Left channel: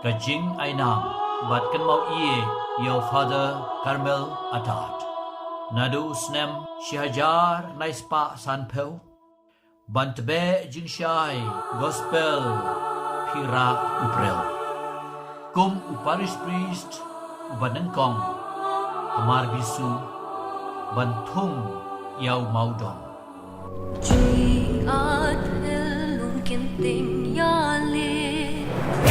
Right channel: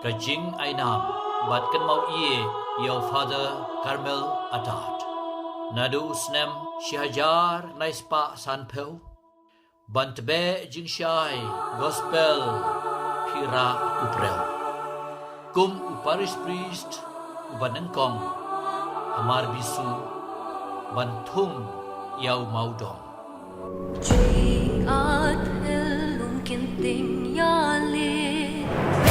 Kajing Ainam, Bat Kan Mau Iye, Your Father Carmel Atat. Nadu Snem Shihajar Naispa Sanpel. Bantbe Jingshai Gospel Pira Uprel. Kum Parish Priest Ubanengkong Amar Bisu Bantung Yau Maudong. Chỉ ở thế luôn kiên tình ya lê